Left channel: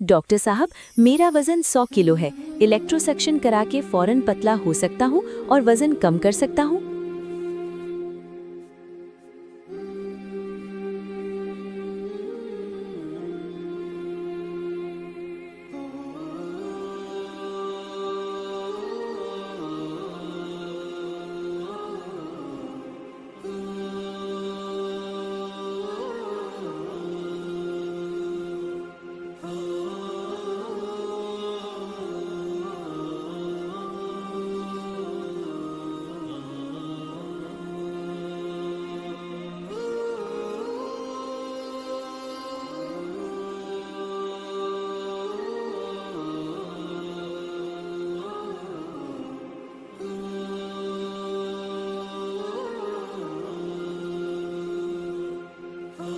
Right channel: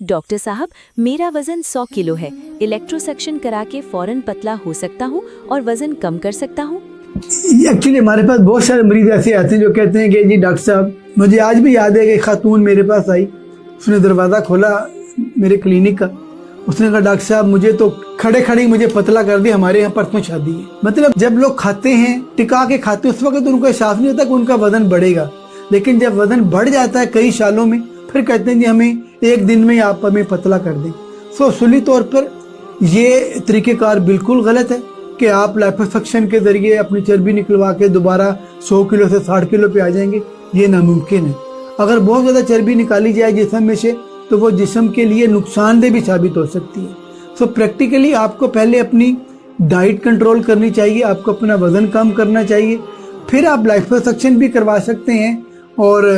Doctor साहब, मेरा वजन 100 किलो है। इलेक्ट्रोसेक्शन करा के फौरन पतला हो सकता हूँ और वजन कम कर सकता हूँ? एक्चुअली हमारे पास बहुत सारे मरीज ऐसे आते हैं जो कहते हैं कि जी डॉक्टर साहब, मुझे आज भी याद है कि खातून मेरे पास आई, उसने दरवाज़ा खोला मेरे क्लिनिक का। उसने कहा डॉक्टर साहब मुझे तो खड़े खड़े मुझे पतला कर दिया, हमारे यहाँ परसों शादी है। मतलब जब लोग खाते हैं टिका के खाते हैं उस वक्त उनको एहसास नहीं होता कि उनका वजन बढ़ेगा, लेकिन जब वजन बढ़ जाता है कई सालों में फिर कहते हैं जी हमें एक दिन में आप हमें पतला कर दें। सो असली तौर पर ये तरीक़ेकार बिल्कुल गलत है कि आप लाइपोसक्शन के ज़रिए अपनी चर्बी निकलवा के दोबारा 100 किलो से 60 किलो पे आ जाएंगे, ये नामुमकिन है। अगर बहुत ज़्यादा चर्बी निकाली जाए जिस्म में से तो वो जिस्म के लिए नुकसानदेह भी साबित हो सकती है। सो प्रैक्टिकली आपको पहले अपनी डाइट कंट्रोल करनी चाहिए, आपको अपना वज़न कम करना चाहिए, फिर आप लाइपोसक्शन भी करवा सकते हैं और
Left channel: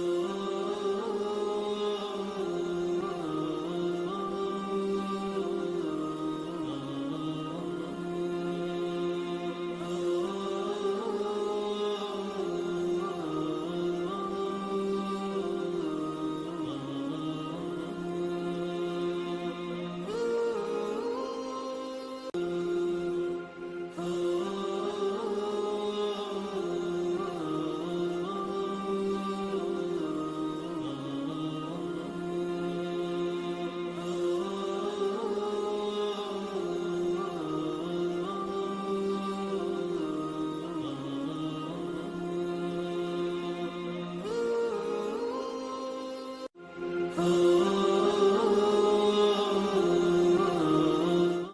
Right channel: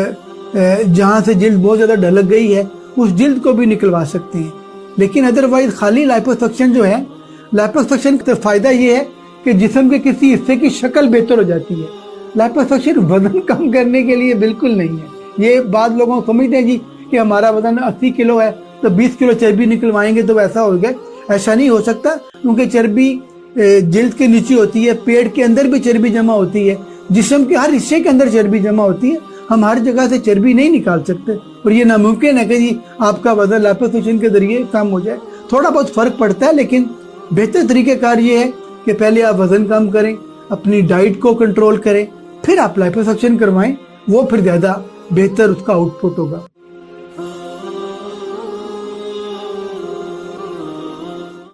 जहाँ से जिल्द बहुत ज़्यादा ढलक गई है उस जिल्द को भी निकलवा सकते हैं। लेकिन अदरवाइज खाली लाइपोसक्शन जो है, लाइपोसक्शन का फ़ायदा ये है कि जिस्म के किसी हिस्से की शक्ल बेहतर हो जाती है। लाइपोसक्शन वजन कम करने के लिए बिल्कुल नहीं है। ये बात लोगों को समझते हैं जी कि हमारा वजन 80 किलो है तो 20 किलो चर्बी निकलवाएंगे तो वैसा हो गया। ऐसा नहीं हो सकता, क्योंकि चर्बी जिल्द के नीचे होती है, पेट के अंदर भी चर्बी जमा होती है, जिस्म के हर हिस्से के अंदर चर्बी जमा होती है। हम हर जगह से चर्बी नहीं निकाल सकते और ये नामुमकिन है कि जी आपका वजन लाइपोसक्शन के जरिए कम हो जाए। थोड़ा बहुत फर्क पड़ता है, लेकिन बेहतर तरीक़ेकार ये है कि पहले आप वजन कम करें, अपनी डाइट को कंट्रोल करें, फिर आप लाइपोसक्शन करवाएं, वो फिर ज़्यादा बेहतर उसका आउटपुट होगा।